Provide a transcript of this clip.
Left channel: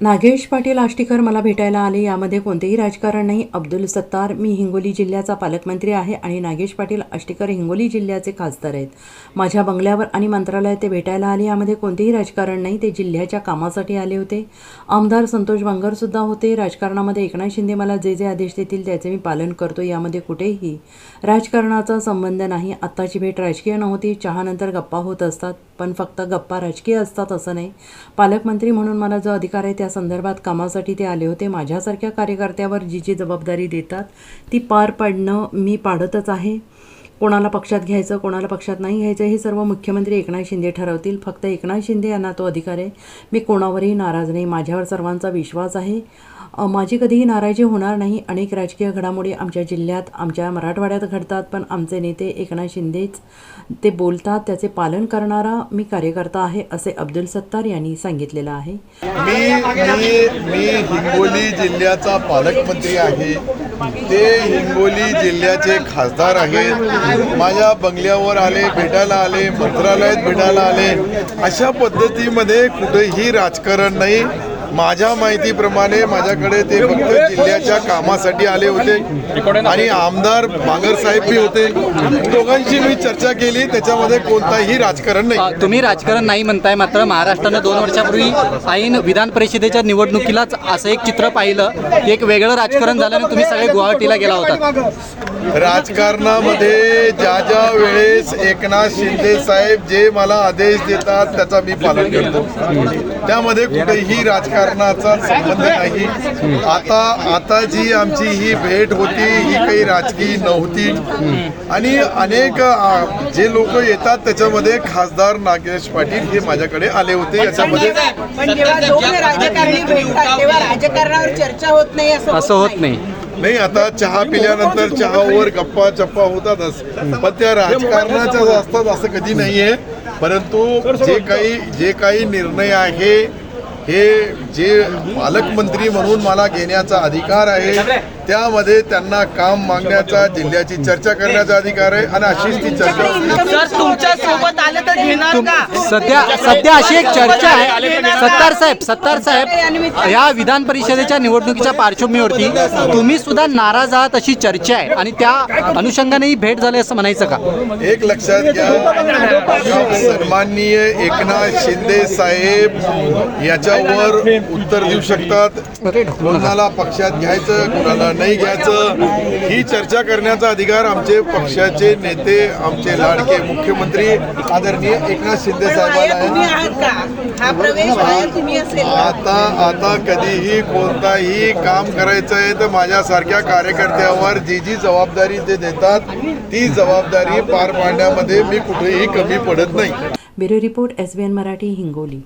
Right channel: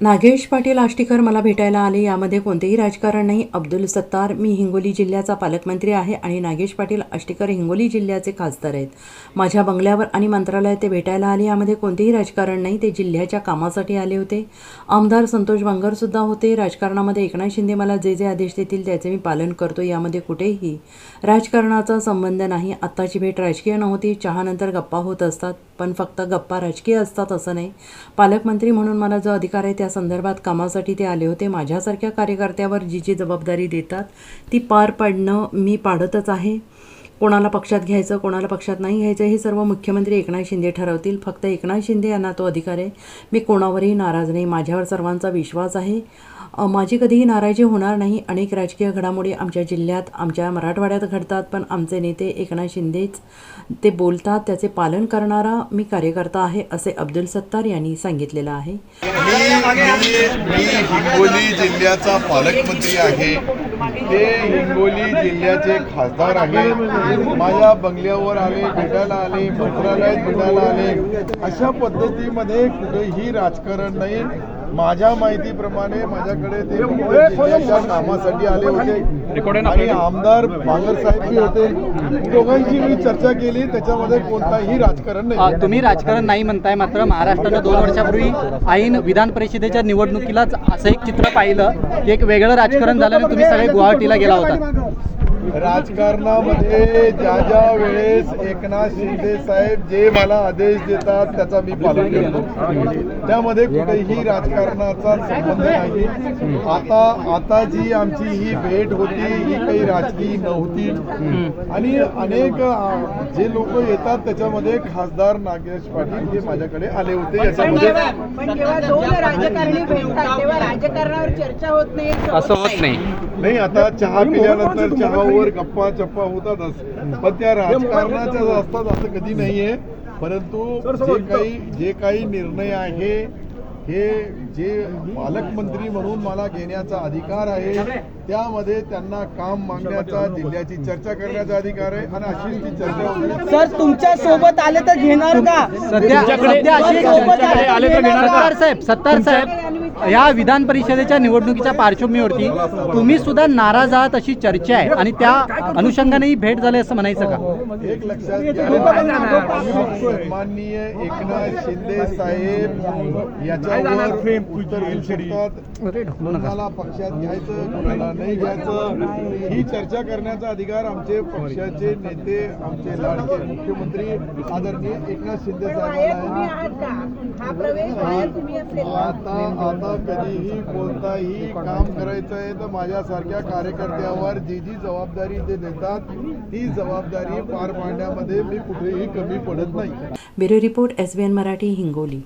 नागेश पाटील आष्टीकर मला भेटायला आले. यामध्ये कोणतेही राजकारण नाही. अब्दुल सत्तार मी हिंगोली जिल्ह्याचा पालकमंत्री आहे आणि नागेश पाटील आष्टीकर हिंगोली जिल्ह्याचे खासदार आहेत. माझ्या बंगल्यावर आणि मंत्रालयात ते भेटायला आले. यामध्ये कोणतेही राजकारण नाही. ते जिल्ह्याच्या कामासाठी आले होते. आमदार संतोष बांगरसुद्धा होते. राजकारणामध्ये एकनाथ शिंदे मला जे जे आदेश देतील त्याचे मी पालन करतो. यामध्ये कुठेही राजकारणाचा संबंध नाही. आत्ताची भेट राजकीय नव्हती. चहानंतर गप्पा होत असतात. पण फक्त गप्पा राजकीय असतात असं नाही. पालकमंत्री म्हणून मला जो अधिकार आहे त्या संदर्भात कामासाठी ते आले होते. माझ्यासारख्या कार्यकर्त्यावर जी जी जबाबदारी देतात ती पार पाडणं मी पाडतच आहे. कोणाला पक्षात घ्यायचं कोणाला पक्षात नाही घ्यायचं हे सर्व मुख्यमंत्री एकनाथ शिंदे ठरवतील. फक्त एकनाथ शिंदे यांना तो अधिकार आहे. मी कोणावरही नाराज नाही. माझ्यावर सर्वांचा विश्वास आहे. माझी कधीही नाराजी होणार नाही. अनेक राजकीय घडामोडी आमच्या जिल्ह्यात आमच्या मराठवाड्यात घडतात पण आमचे नेते एकनाथ शिंदेच ते बोलतात त्याचे पालन करणारा मी कार्यकर्ता आहे असे अब्दुल सत्तार यांनी सांगितलेलं आहे. मी मी मी हिंगोली जिल्ह्याचा पालकमंत्री आहे. ते हिंगोली जिल्ह्याचे खासदार आहेत. माझ्या बंगल्यावर आले भेटायला आले मंत्रालयात भेटायला आले. अशा पद्धतीमध्ये कुठेही राजकारण नाही. माझ्या माहितीप्रमाणे माझ्याकडे ते फक्त जिल्ह्याच्या कामासाठी आले होते. आणि आमदार बांगर साहेब बी होते. दोघांची मी चर्चा केली. त्याच्यामध्ये कोणताही राजकारण नाही. तुम्ही राजकारण नाही म्हणताय मात्र महाराष्ट्रानं दोन वर्षापूर्वी ऐन विधान परिषदेच्या निवडणुकीलाच असं एक चित्र पाहिलं. एक वेगळं राजकारण झाल्याने तुम्ही सगळे गुवाहाटीला गेला होता. राजकारणामध्ये ज्या ज्या वेळेस एकनाथ शिंदे साहेब जे मला आदेश देतात त्याचा मी पालन करतो. त्यामध्ये कुठेही राजकारणाचा संबंध नाही. आता आता जी आमची ही भेट होती ही काही राजकीय नव्हती. आणि अनेक आ, जे लोक येतात त्याच्यामध्ये खासदार नागेश पाटील हे माझ्याकडे आले होते याच्यामध्ये. पण जेव्हा दोन राजकारणी भेटतात तेव्हा राजकारणावर चर्चा होत नाही असं असं होत नाही. नाही. आता चहा पिल्यानंतर चहावर गप्पा चप्पा होतातच. पण त्या राजकारणाच्या असतात असं कधी नाहीये. परंतु जे काही जे काही निर्णय आहे हे जे पालकमंत्री म्हणून मला घेण्याचा अधिकार आहे त्यामध्ये त्यांना काम मागण्याचा जिल्ह्याची चर्चा करण्याचा अधिकार आहे आणि अशीच ती चर्चा सर तुमच्यासोबत आले तर घेणार का? सध्या सध्या अशी एक चर्चा आहे. सत्तार साहेब सत्तार साहेब या विधान परिषदेच्या निवडणुकीच्या पार्श्वभूमीवरती तुम्ही सुद्धा नाराज आहात अशी चर्चा आहे आणि त्या अनुषंगाने ही भेट झाली असं म्हणायचं का? एक लक्षात घ्या. सन्माननीय एकनाथ शिंदे साहेब याच्यावर उत्तर देऊ शकतात. कोणाला पक्षात घ्यायचं कोणाला नाही घ्यायचं ही चर्चा करण्याचा अधिकार आमचे पक्षाचे नेते आमचे लाडके मुख्यमंत्री आदरणीय एकनाथ शिंदे साहेबांना आहात का? हा प्रवेश बाहेर तुम्ही असेल का? आता आता कधीही कोणताही काम करायचं आहे तर माझ्यासारख्या कार्यकर्त्यावर जी जी जबाबदारी ते देतात ती जबाबदारी पार पाडण्यामध्ये मी कुठेही कमी पडत नाही. Bureau report S B N Marathi Hingoli.